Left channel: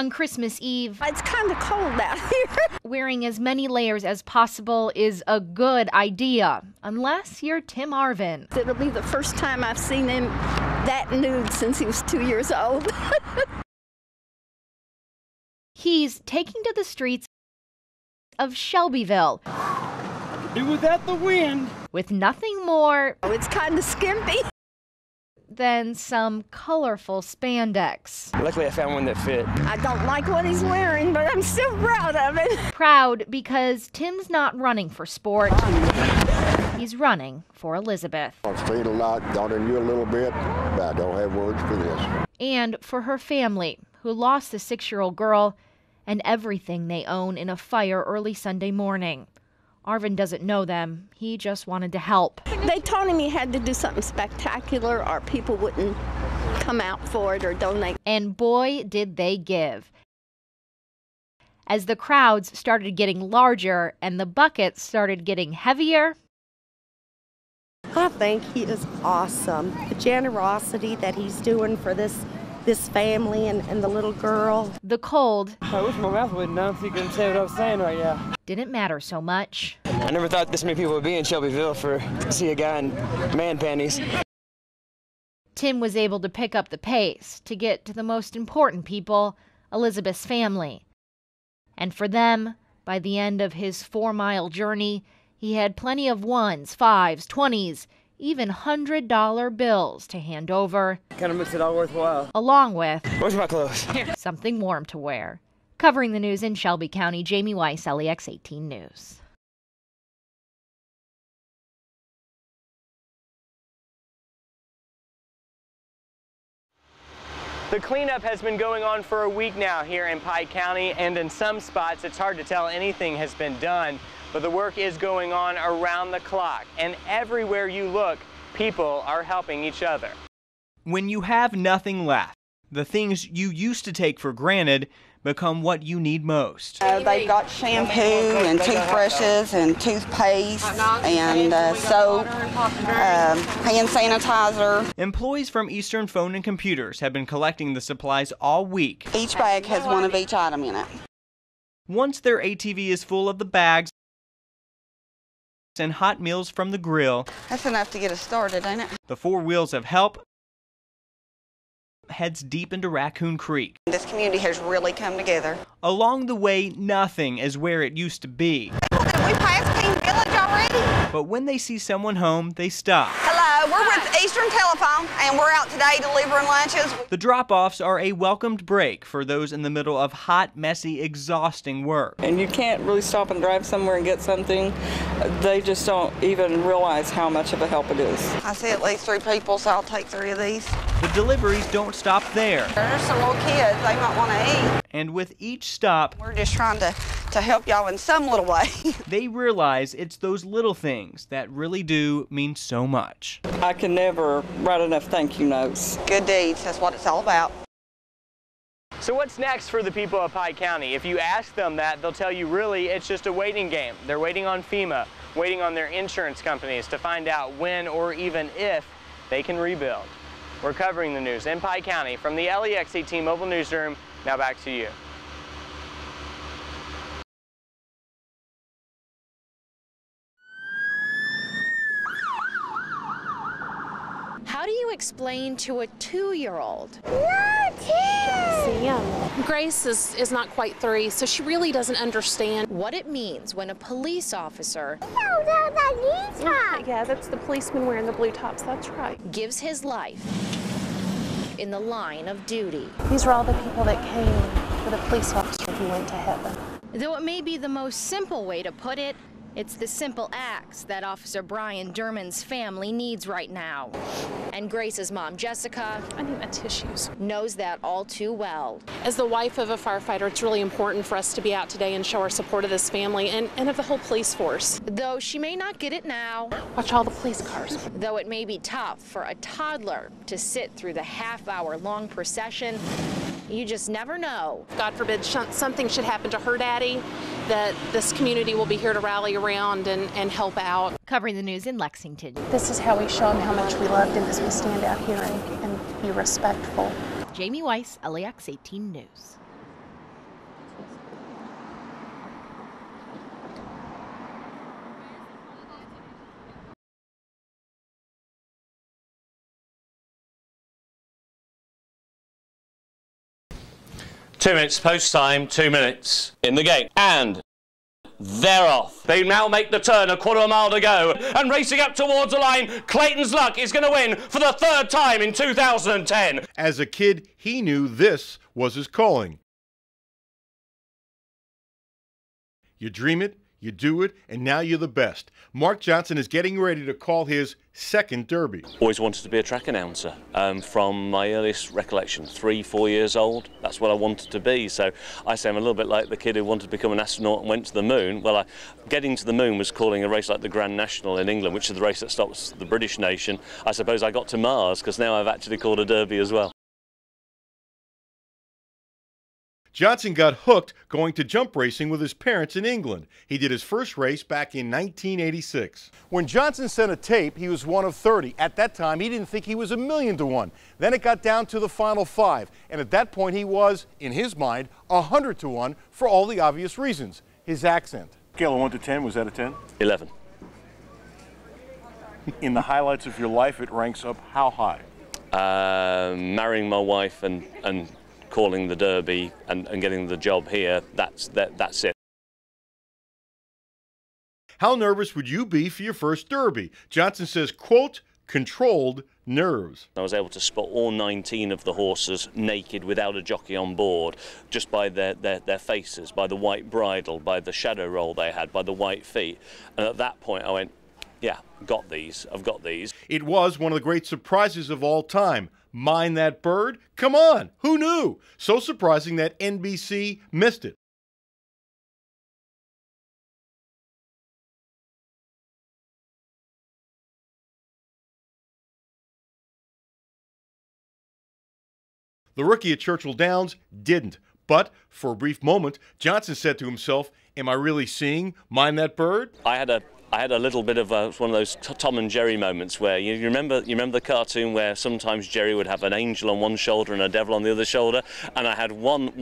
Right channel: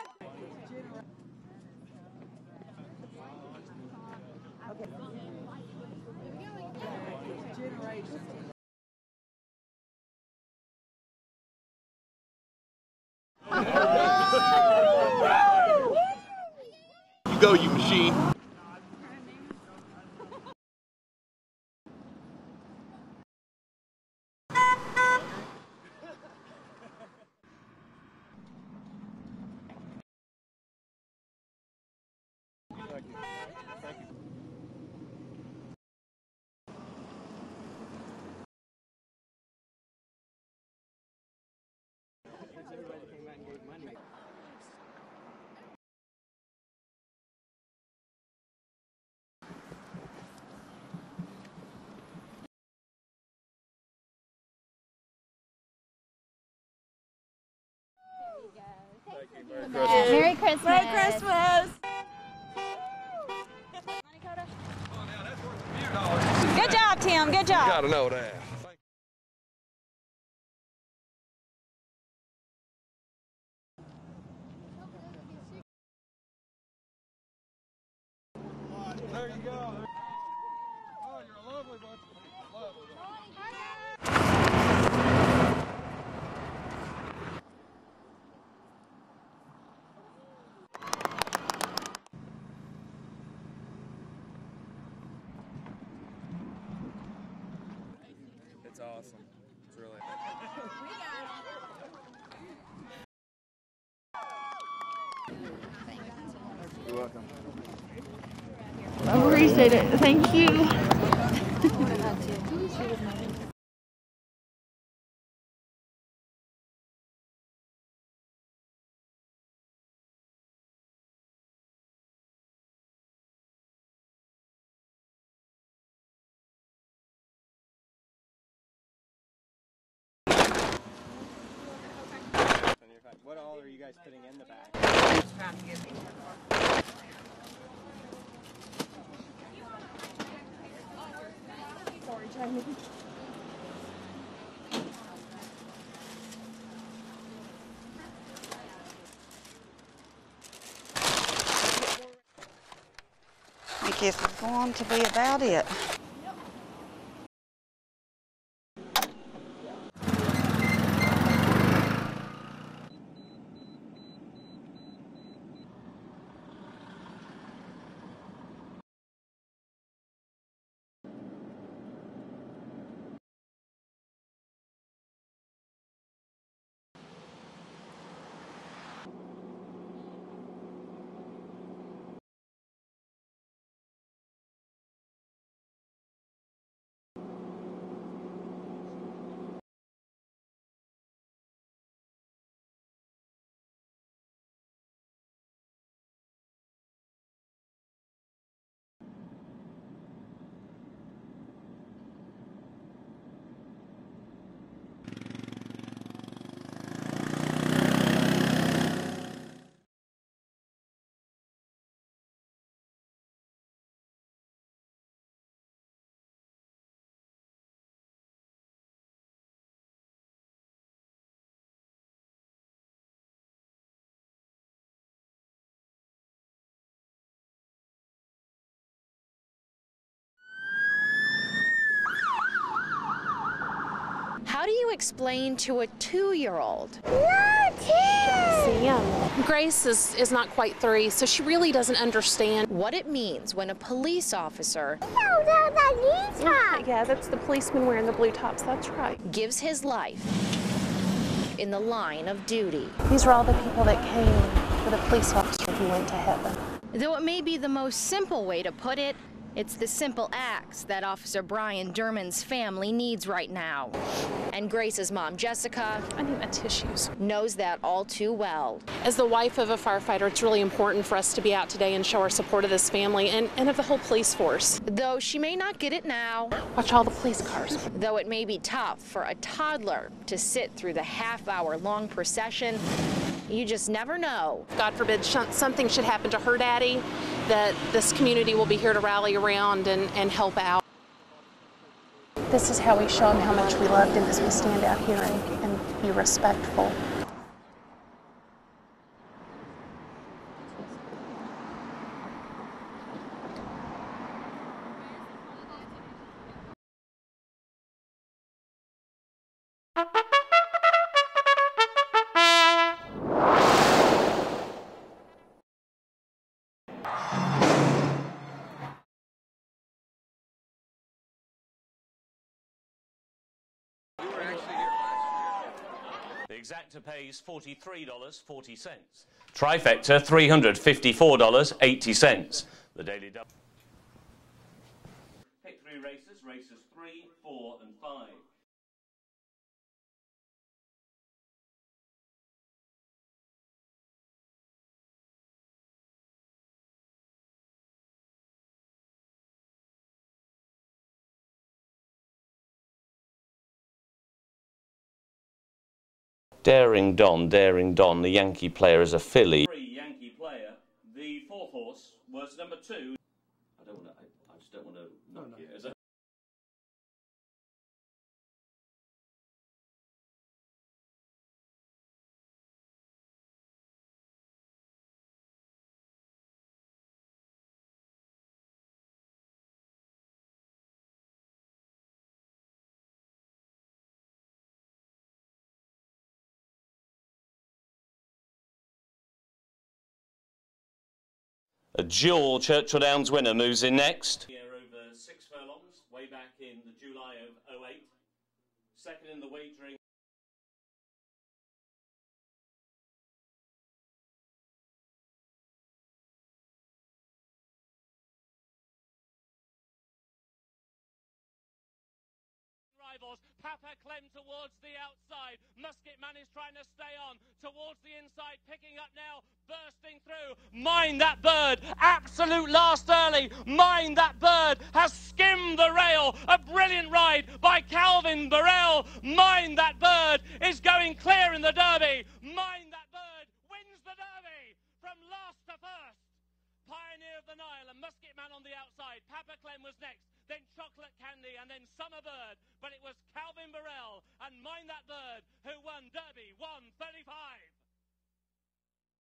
On Christmas Eve, It's kind of cold out here. wearing as many layers as possible is a good idea, unless you're Tim Arvin. It'll be the first time I've seen him that nude since he was 2 years old. He's taking to the streets you machine. of Shelbyville It was at the wind. with nothing more Oh, it's kind of skimpy. than some colorful spandex. Luckily, I found one that fit. I don't like what he's wearing, but I'm still proud of it. Proud because Tim's not running for sport. He's running for Elizabeth. I've seen a lot, thought of you a little bit, but I don't have words for this. And for her family, who lost the 6-year-old girl and everything they own in a fire early Sunday morning. Arvin doesn't know them. He just wanted to help. They told him he had to do something spectacular or people wouldn't come out for it or donate. And boy, did they give. Merry Christmas. Merry Christmas. As the crowds started getting larger and the buckets started getting heavier, Good job, Tim. Good job. I think he is awesome. The generosity that he's doing for this family and the little girl. the cold I wish my mouth wasn't numb so you couldn't say what I was saying right now. didn't matter so much. I never thought this many people would be in Shelbyville to see a guy in man panties. Tim was able to pick up the pace to get to the most important people, Elizabeth's family. And for them, by the end of his 4-mile journey, he had plenty of 1s, 5s, 20s, even $100 bills to hand over, Kind of makes it all worthwhile. along with Where's my clothes? something warm to wear. Covering the news in Shelby County, Jamie Weiss, LEX 18 News. I appreciate it. Thank you. The cleanup has been going on for a week now here in Pike County, and in some spots it's hard to tell anything has been done, but the work is going on around the clock, and everywhere you look, people are helping each other. When you have nothing left, the things you used to take for granted become what you need most. They've got shampoo and toothbrushes and toothpaste and soap, hand sanitizer. Employees from Eastern Phone and Computers have been collecting the supplies all week. Each bag has one of each item in it. Once their ATV is full of the bags I guess it's going to be about it. and hot meals from the grill, That's enough to get us started, ain't it? the 4 wheels of help heads deep into Raccoon Creek. This community has really come together. Along the way, nothing is where it used to be. Did we pass King Village already? But when they see someone home, they stop. Hello, we're with Eastern Telephone, and we're out today delivering lunches. The drop-offs are a welcomed break for those in the middle of hot, messy, exhausting work. And you can't really stop and drive somewhere and get something. They just don't even realize how much of a help it is. I see at least 3 people, so I'll take 3 of these. The deliveries don't stop there. There's some little kids, they might want to eat. And with each stop, We're just trying to help y'all in some little way. they realize it's those little things that really do mean so much. I can never write enough thank you notes. Good deeds, that's what it's all about. So what's next for the people of Pike County? If you ask them that, they'll tell you really it's just a waiting game. They're waiting on FEMA, waiting on their insurance companies to find out when or even if they can rebuild. We're covering the news in Pike County from the LEX 18 Mobile Newsroom. Now back to you. How do you explain to a 2-year-old? Grace is not quite 3, so she really doesn't understand what it means when a police officer Yeah, that's the policeman wearing the blue tops, that's right. gives his life in the line of duty. These are all the people that came for the police officer who went to heaven. Though it may be the most simple way to put it, it's the simple acts that Officer Brian Derman's family needs right now. And Grace's mom, Jessica, I need my tissues. knows that all too well. As the wife of a firefighter, it's really important for us to be out today and show our support of this family and of the whole police force. Though she may not get it now, Watch all the police cars. though it may be tough for a toddler to sit through the half-hour-long procession, you just never know. God forbid something should happen to her daddy, that this community will be here to rally around and help out. Covering the news in Lexington. This is how we show them how much we love them, as we stand out here and be respectful. Jamie Weiss, LEX 18 News. 2 minutes post time, 2 minutes in the gate. And they're off. They now make the turn, a quarter of a mile to go. And racing up towards the line, Clayton's Luck is going to win for the 3rd time in 2010. As a kid, he knew this was his calling. Trifecta, $354.80. You dream it, you do it, and now you're the best. Mark Johnson is getting ready to call his 2nd Derby. Always wanted to be a track announcer from my earliest recollection, 3, 4 years old. That's what I wanted to be. So I say I'm a little bit like the kid who wanted to become an astronaut and went to the moon. Well, getting to the moon was calling a race like the Grand National in England, which is the race that stops the British nation. I suppose I got to Mars because now I've actually called a Derby as well. Daring Don, the Yankee player is a filly. Johnson got hooked going to jump racing with his parents in England. He did his first race back in 1986. When Johnson sent a tape, he was one of 30. At that time, he didn't think he was 1,000,000 to 1. Then it got down to the final 5. And at that point, he was, in his mind, 100 to 1 for all the obvious reasons. His accent. Scale of 1 to 10, was that a 10? 11. In the highlights of your life, it ranks up how high? Marrying my wife and calling the Derby and getting the job here, that's it. A dual Churchill Downs winner moves in next. How nervous would you be for your first Derby? Johnson says, quote, controlled nerves. I was able to spot all 19 of the horses naked without a jockey on board, just by their faces, by the white bridle, by the shadow roll they had, by the white feet. And at that point I went, yeah, I've got these. It was one of the great surprises of all time. Mind That Bird? Come on, who knew? So surprising that NBC missed it. Mind That Bird, absolute last early. Mind That Bird has skimmed the rail. A brilliant ride by Calvin Burrell. Mind That Bird is going clear in the Derby. The rookie at Churchill Downs didn't. But for a brief moment, Johnson said to himself, am I really seeing Mind That Bird? I had a little bit of one of those Tom and Jerry moments where you remember the cartoon where sometimes Jerry would have an angel on one shoulder and a devil on the other shoulder, and I had one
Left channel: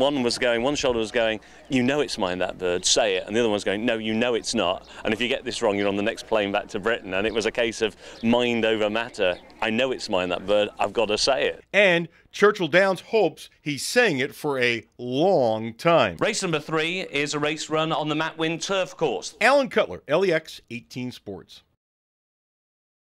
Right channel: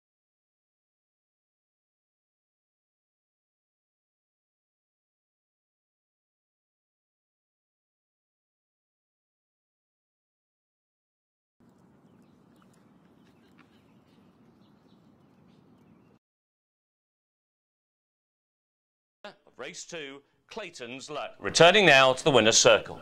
shoulder was going, you know it's Mind That Bird, say it, and the other one's going, no, you know it's not, and if you get this wrong you're on the next plane back to Britain. And it was a case of mind over matter. I know it's Mind That Bird, I've got to say it. And Churchill Downs hopes he's saying it for a long time. Race number 3 is a race run on the Matt Wynn turf course. Alan Cutler, LEX 18 Sports. Returning now to the winner's circle.